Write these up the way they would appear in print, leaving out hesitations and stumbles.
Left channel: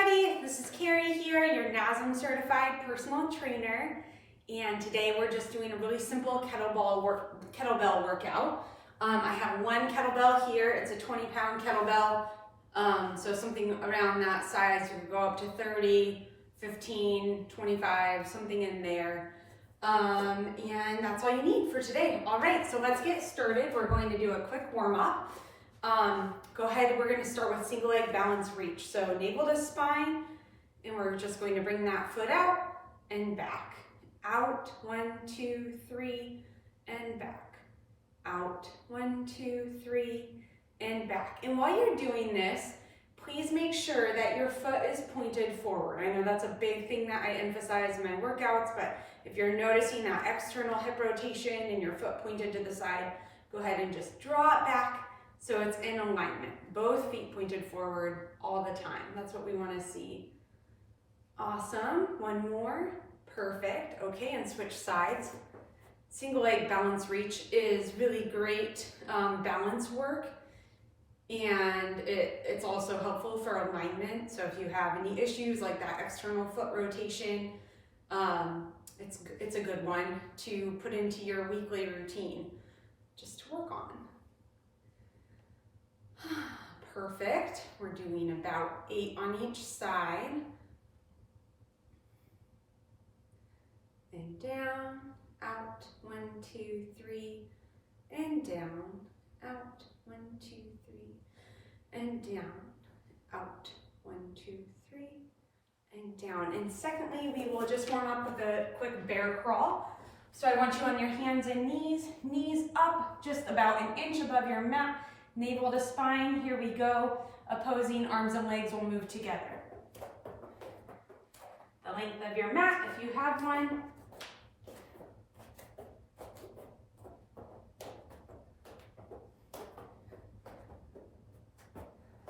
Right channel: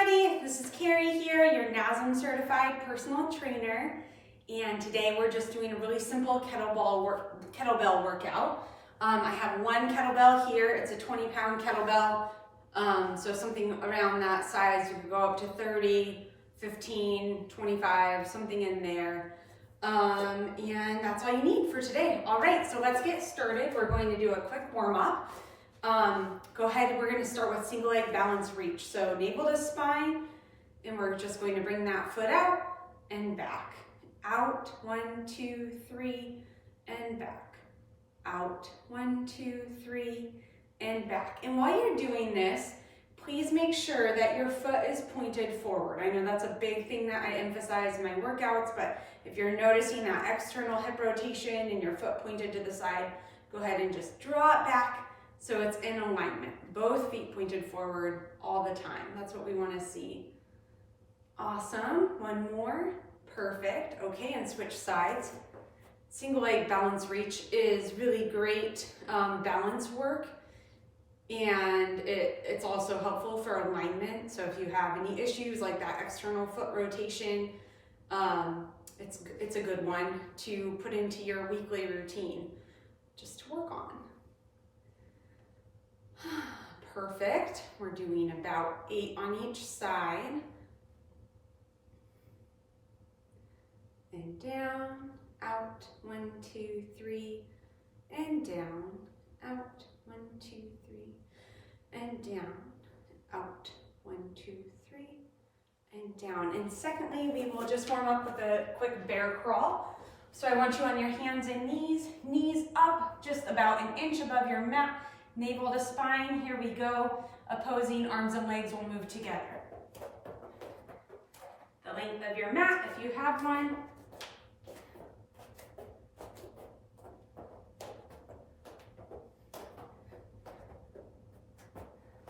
everybody, this is Cari here, your NASM-Certified personal trainer, and today we're just doing a really simple kettlebell workout. I have one kettlebell here. It's a 20-pound kettlebell, so something around that size. You could go up to 30, 15, 25, something in there, and that's all you need for today. All right, so let's get started. We're going to do a quick warm-up. Go ahead, we're going to start with single leg balance reach. So navel to spine, and we're just going to bring that foot out and back. Out, 1, 2, 3, and back. Out, 1, 2, 3, and back. And while you're doing this, please make sure that your foot is pointed forward. I know that's a big thing that I emphasize in my workouts, but if you're noticing that external hip rotation and your foot pointed to the side, go ahead and just draw it back. So it's in alignment, both feet pointed forward all the time. That's what we want to see. Awesome, one more, perfect. Okay, and switch sides. Single leg balance reach is really great balance work, and it's also helpful for alignment. So if you have any issues like that external foot rotation, it's a good one to put into your weekly routine just to work on. Perfect. We're doing about 8 on each side. And down, out, 1, 2, 3, and down, out, 1, 2, 3, and down, out, 1, 2, 3, and down. And secondly, we will just warm up with a quick bear crawl. So I want you on your hands and knees up, just about an inch above your mat. Navel to spine, here we go. Opposing arms and legs will move together. The length of your mat, if you have one.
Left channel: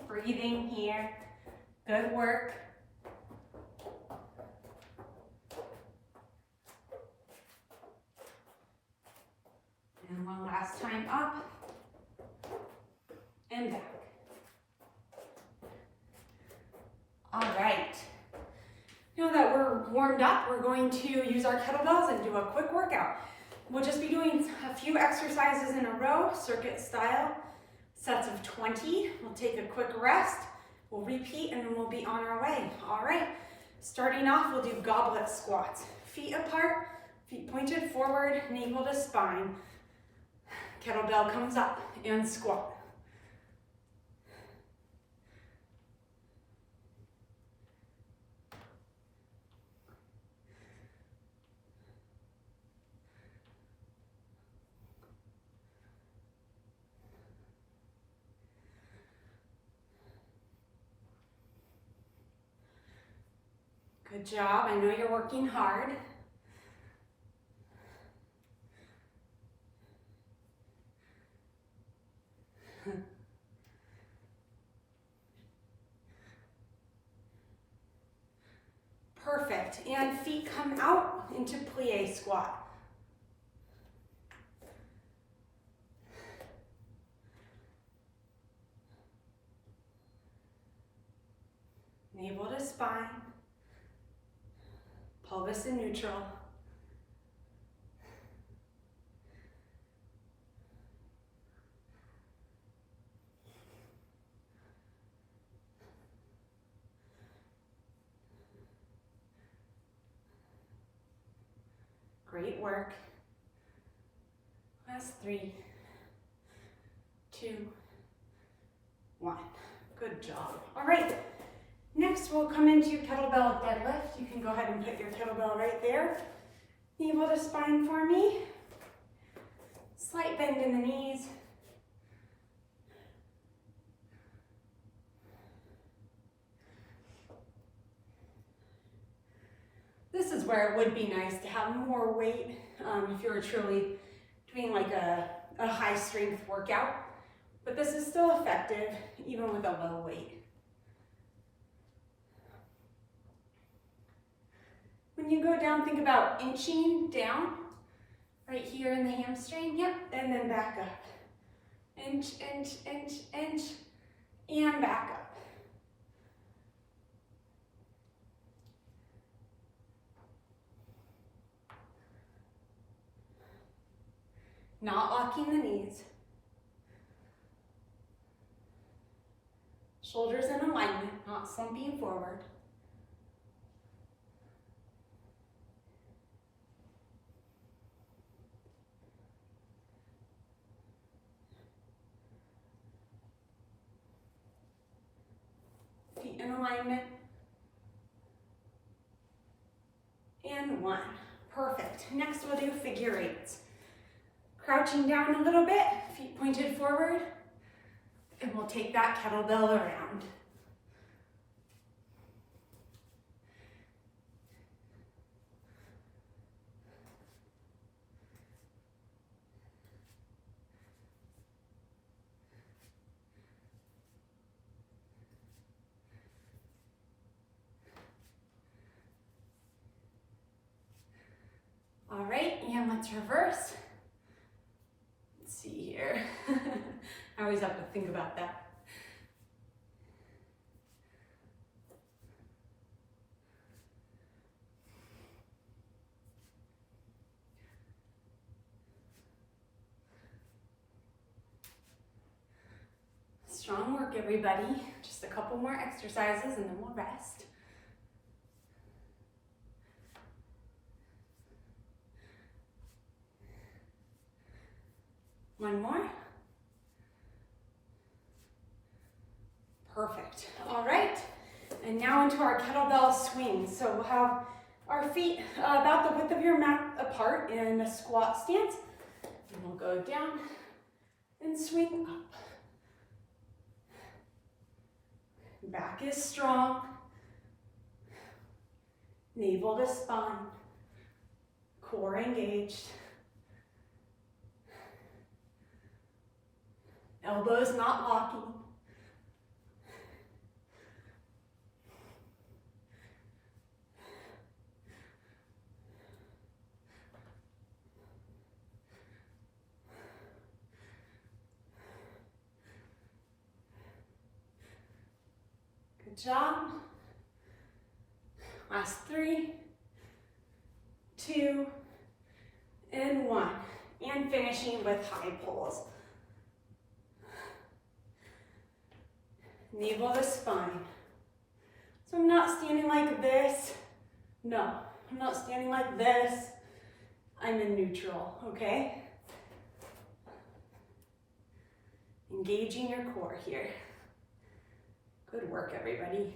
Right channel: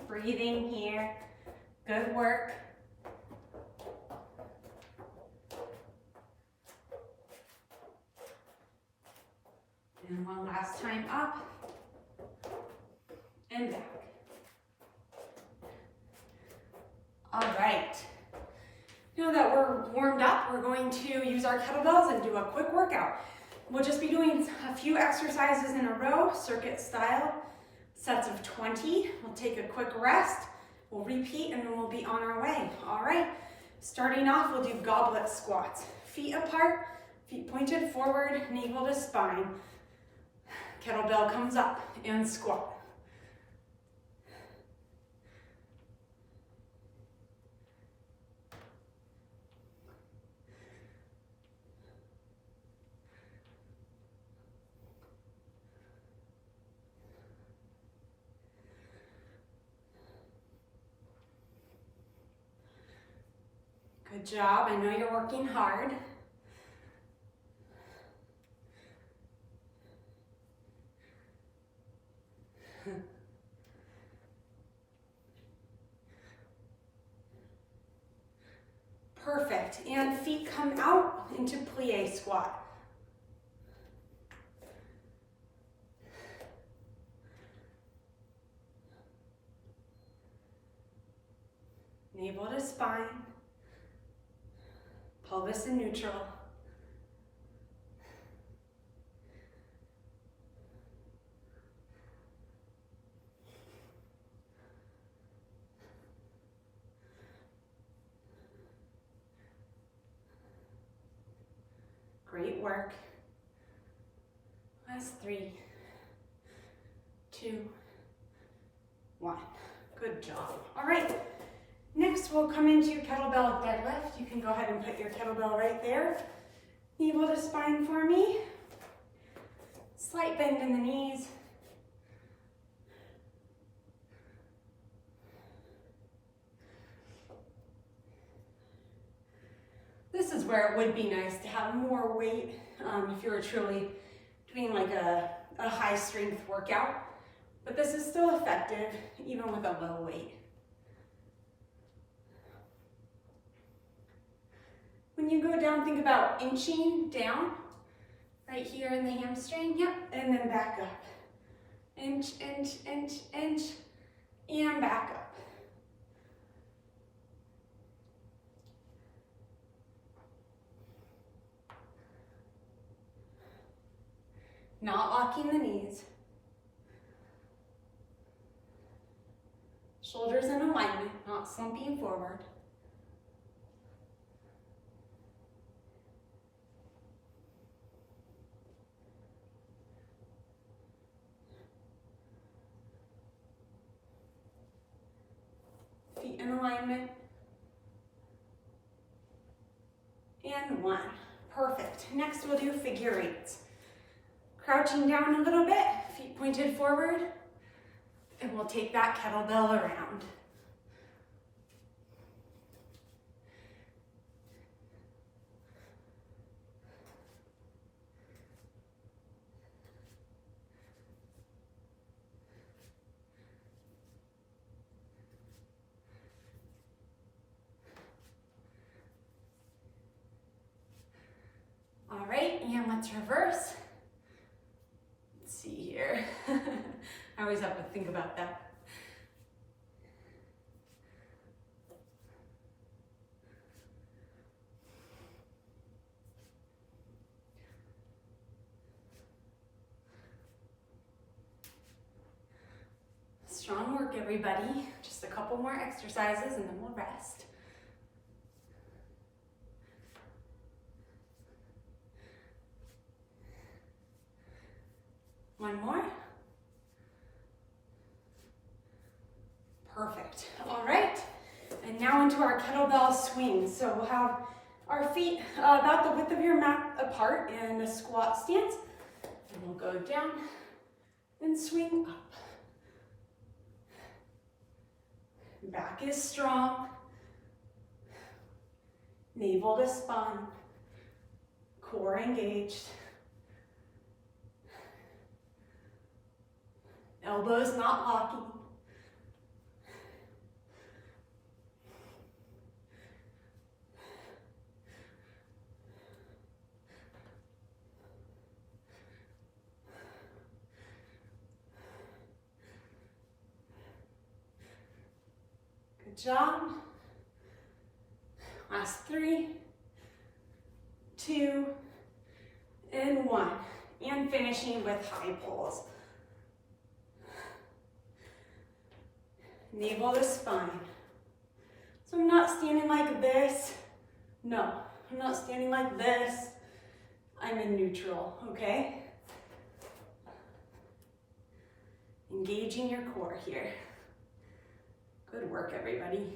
Breathing here, good work. And one last time up. And back. All right. Now that we're warmed up, we're going to use our kettlebells and do a quick workout. We'll just be doing a few exercises in a row, circuit style, sets of 20. We'll take a quick rest, we'll repeat, and then we'll be on our way. All right, starting off, we'll do goblet squats. Feet apart, feet pointed forward, navel to spine. Kettlebell comes up and squat. Good job. I know you're working hard. Perfect. And feet come out into plie squat. Navel to spine. Pelvis in neutral. Great work. Last 3, 2, 1. Good job. All right. Next, we'll come into kettlebell deadlift. You can go ahead and put your kettlebell right there. Navel to spine for me. Slight bend in the knees. This is where it would be nice to have more weight if you were truly doing like a high strength workout. But this is still effective even with a low weight. When you go down, think about inching down, right here in the hamstring, yep, and then back up. Inch, inch, inch, inch, and back up. Not locking the knees. Shoulders in alignment, not slumping forward. Feet in alignment. And 1. Perfect. Next we'll do figure eights. Crouching down a little bit, feet pointed forward, and we'll take that kettlebell around. All right, and let's reverse. Let's see here. I always have to think about that. Strong work, everybody. Just a couple more exercises and then we'll rest. One more. Perfect. All right. And now into our kettlebell swings. So we'll have our feet about the width of your mat apart in a squat stance. And we'll go down and swing up. Back is strong. Navel to spine. Core engaged. Elbows not locking. Good job. Last 3, 2, and 1. And finishing with high pulls. Navel to spine. So I'm not standing like this. No, I'm not standing like this. I'm in neutral, okay? Engaging your core here. Good work, everybody.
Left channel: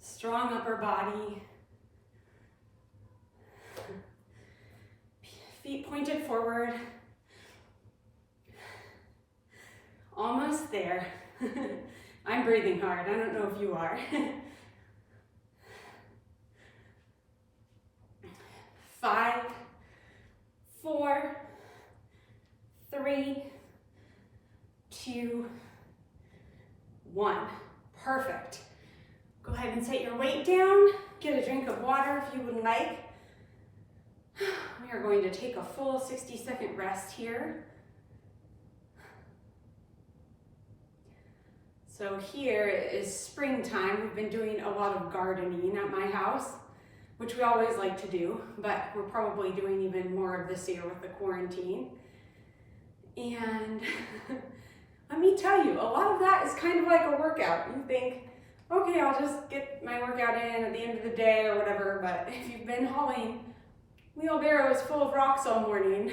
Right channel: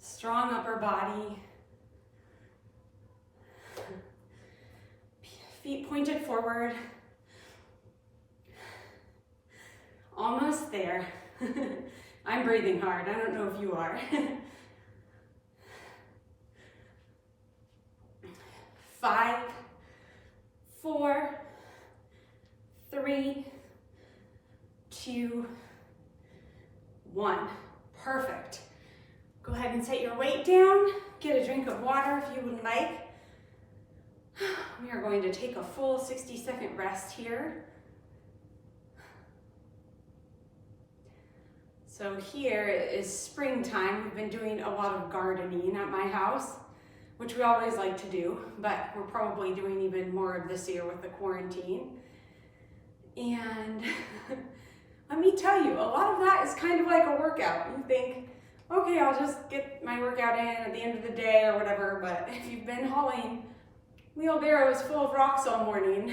Strong upper body. Feet pointed forward. Almost there. I'm breathing hard. I don't know if you are. 5, 4, 3, 2, 1. Perfect. Go ahead and set your weight down. Get a drink of water if you would like. We are going to take a full 60-second rest here. So here is springtime. We've been doing a lot of gardening at my house, which we always like to do, but we're probably doing even more of this year with the quarantine. And let me tell you, a lot of that is kind of like a workout. You think, okay, I'll just get my workout in at the end of the day or whatever, but if you've been hauling wheelbarrows full of rocks all morning,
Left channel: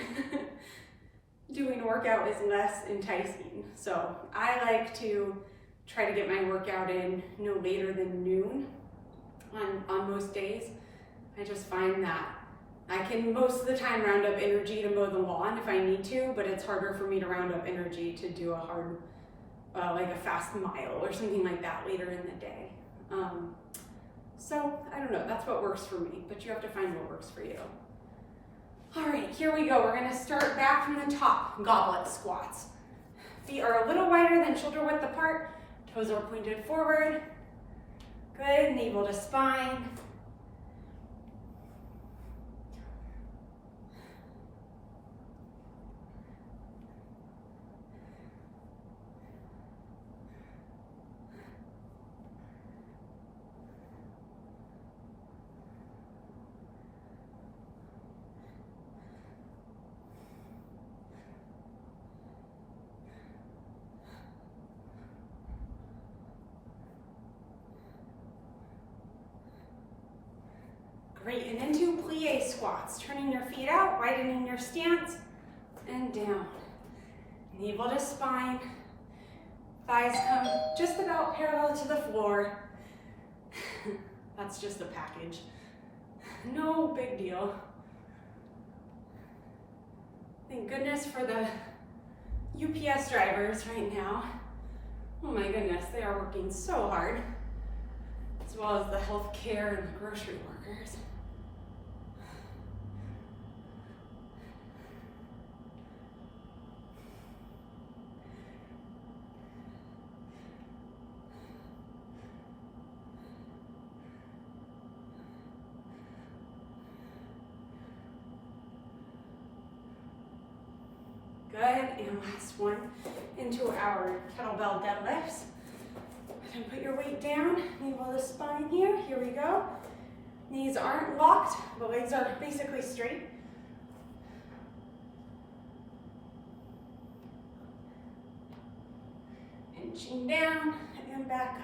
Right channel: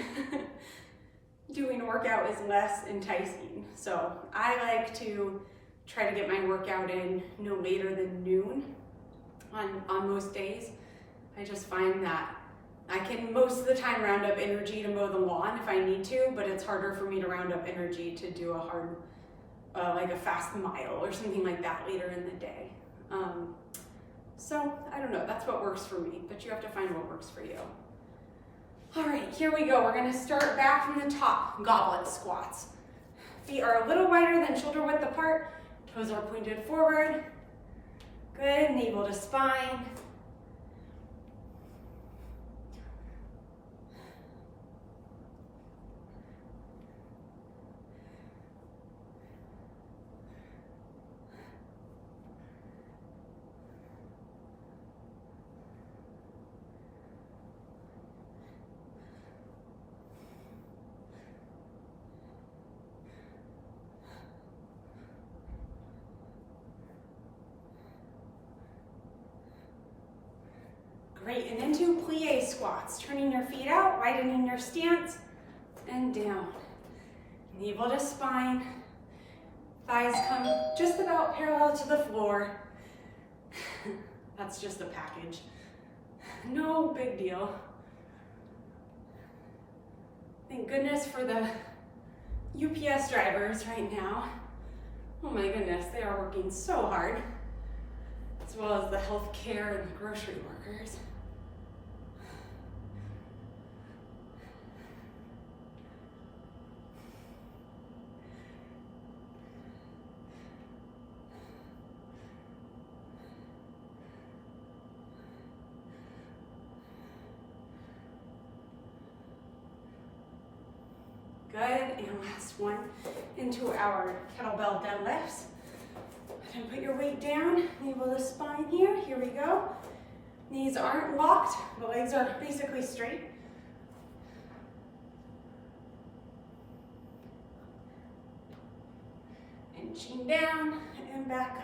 doing a workout is less enticing. So I like to try to get my workout in no later than noon on most days. I just find that I can most of the time round up energy to mow the lawn if I need to, but it's harder for me to round up energy to do a hard, like a fast mile or something like that later in the day. So I don't know, that's what works for me, but you have to find what works for you. All right, here we go. We're gonna start back from the top, goblet squats. Feet are a little wider than shoulder width apart. Toes are pointed forward. Good, navel to spine. Great, and into plie squats. Turning your feet out, widening your stance, and down. Navel to spine. Thighs come just about parallel to the floor. That's just a package. No big deal. Thank goodness for the UPS drivers right now. Oh my goodness, they are working so hard, as well as the healthcare and the grocery workers. Good, and last one, into our kettlebell deadlifts. And put your weight down, navel to spine here. Here we go. Knees aren't locked, the legs are basically straight. Inching down and back up.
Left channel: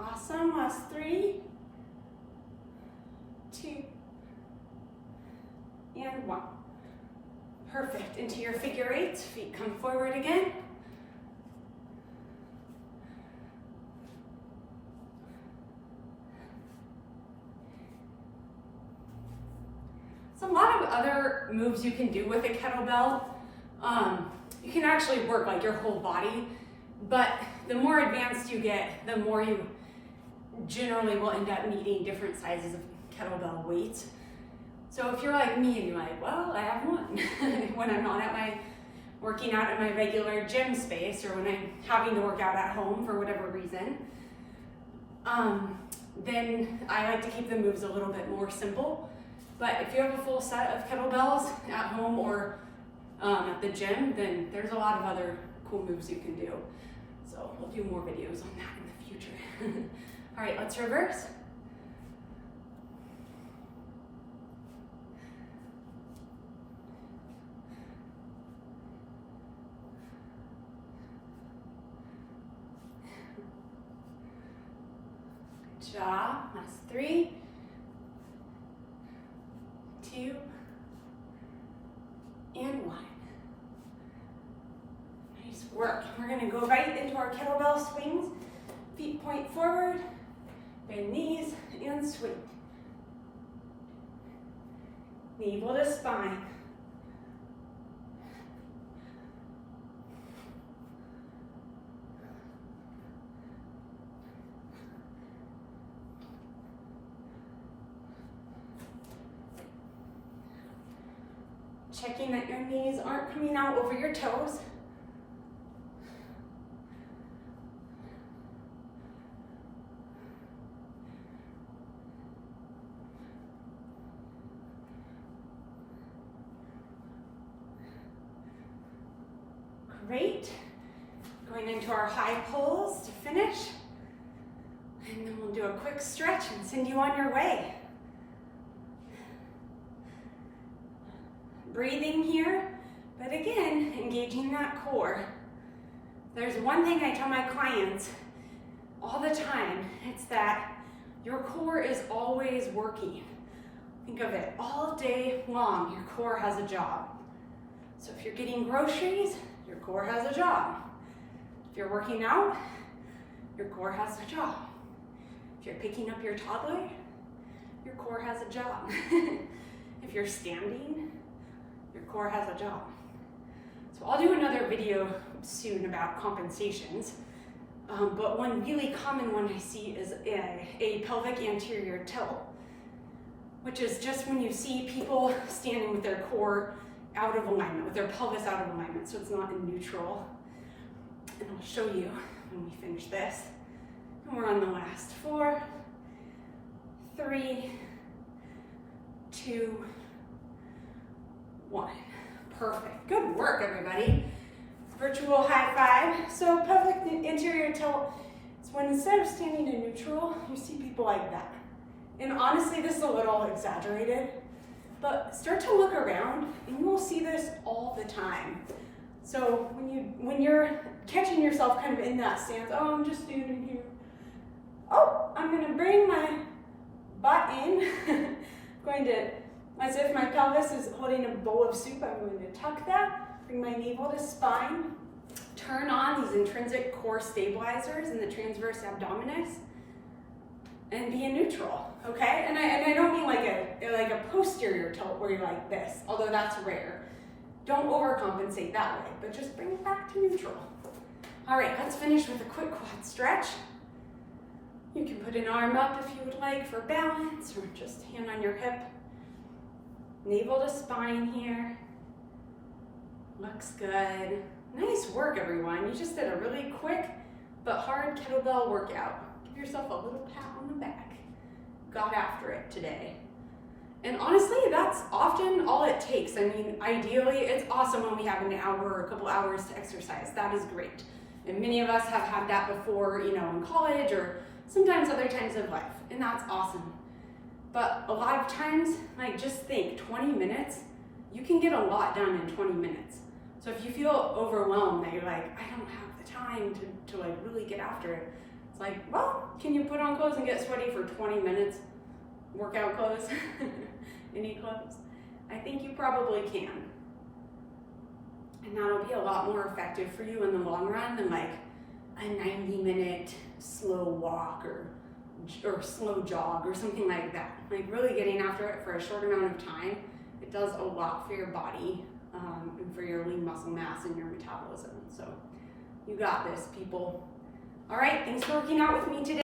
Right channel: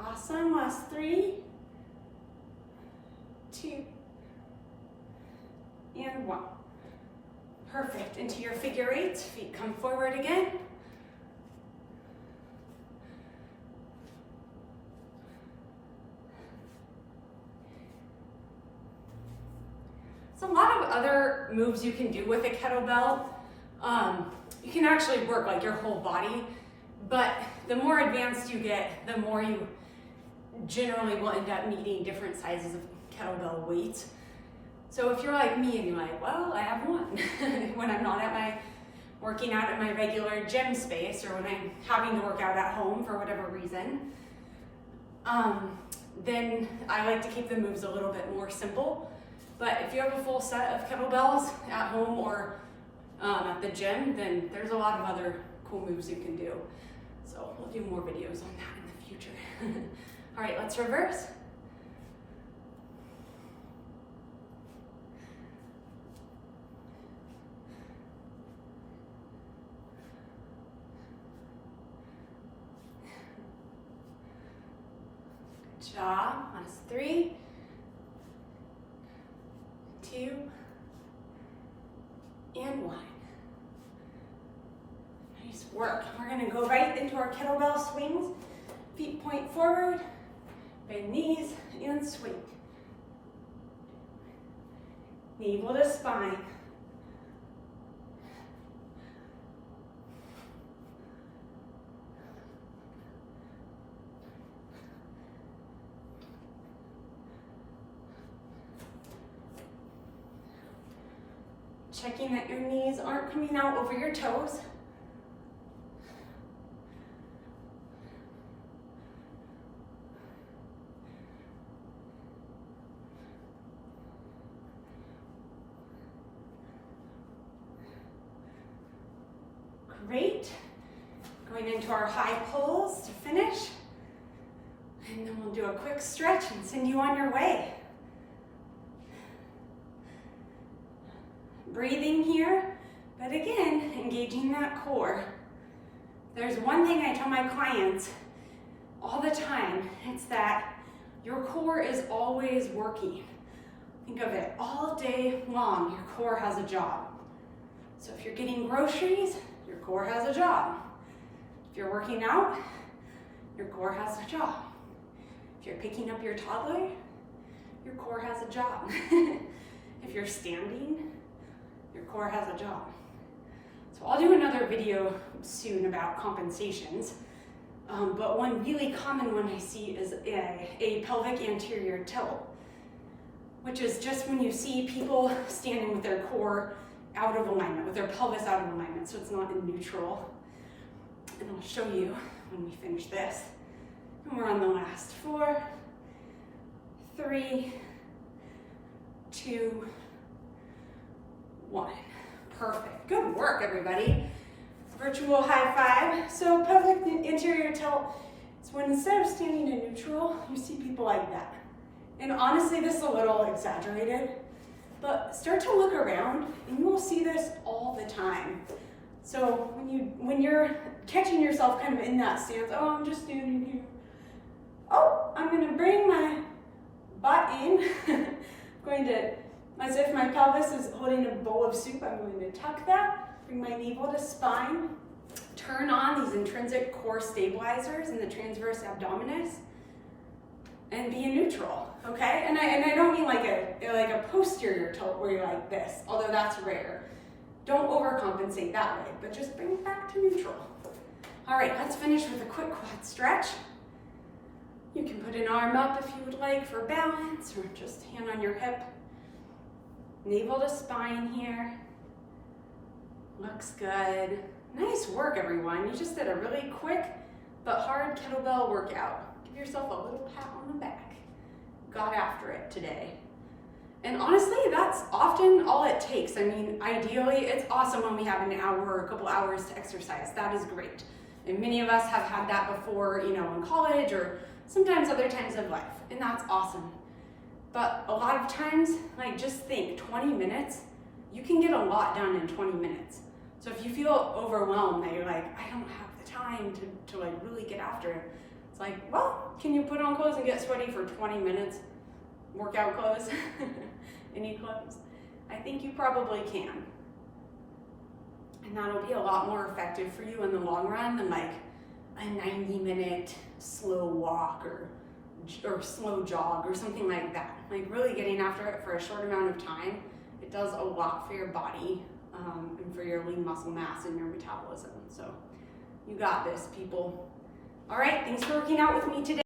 Awesome, last 3, 2, and 1. Perfect, into your figure 8, feet come forward again. So a lot of other moves you can do with a kettlebell. You can actually work like your whole body, but the more advanced you get, the more you generally will end up needing different sizes of kettlebell weights. So if you're like me and you're like, well, I have one when I'm not working out at my regular gym space, or when I'm having to work out at home for whatever reason, then I like to keep the moves a little bit more simple. But if you have a full set of kettlebells at home or at the gym, then there's a lot of other cool moves you can do. So we'll do more videos on that in the future. All right, let's reverse. Good job. Last 3, 2, and 1. Nice work. We're going to go right into our kettlebell swings. Feet point forward, bend knees, and swing. Navel to spine. Checking that your knees aren't coming out over your toes. Great. Going into our high pulls to finish. And then we'll do a quick stretch and send you on your way. Breathing here, but again, engaging that core. There's one thing I tell my clients all the time, it's that your core is always working. Think of it, all day long, your core has a job. So if you're getting groceries, your core has a job. If you're working out, your core has a job. If you're picking up your toddler, your core has a job. If you're standing, your core has a job. So I'll do another video soon about compensations, but one really common one I see is a pelvic anterior tilt, which is just when you see people standing with their core out of alignment, with their pelvis out of alignment, so it's not in neutral. And I'll show you when we finish this. And we're on the last 4, 3, 2, 1. Perfect. Good work, everybody. Virtual high five. So pelvic anterior tilt. It's when instead of standing in neutral, you see people like that. And honestly, this is a little exaggerated, but start to look around and you will see this all the time. So when you're catching yourself kind of in that stance, oh, I'm just standing here. Oh, I'm gonna bring my butt in. I'm going to, as if my pelvis is holding a bowl of soup, I'm going to tuck that, bring my navel to spine, turn on these intrinsic core stabilizers in the transverse abdominis, and be in neutral, okay? And I don't mean like a posterior tilt where you're like this, although that's rare. Don't overcompensate that way, but just bring it back to neutral. All right, let's finish with a quick quad stretch. You can put an arm up if you would like for balance, or just hand on your hip. Navel to spine here. Looks good. Nice work, everyone. You just did a really quick but hard kettlebell workout. Give yourself a little pat on the back. Got after it today. And honestly, that's often all it takes. I mean, ideally, it's awesome when we have an hour or a couple hours to exercise. That is great. And many of us have had that before, you know, in college or sometimes other times of life, and that's awesome. But a lot of times, like, just think 20 minutes, you can get a lot done in 20 minutes. So if you feel overwhelmed that you're like, I don't have the time to like really get after it, it's like, well, can you put on clothes and get sweaty for 20 minutes? Workout clothes, any clothes? I think you probably can. And that'll be a lot more effective for you in the long run than like a 90-minute slow walk or slow jog or something like that. Like really getting after it for a short amount of time, it does a lot for your body and for your lean muscle mass and your metabolism. So you got this, people. All right, thanks for working out with me today.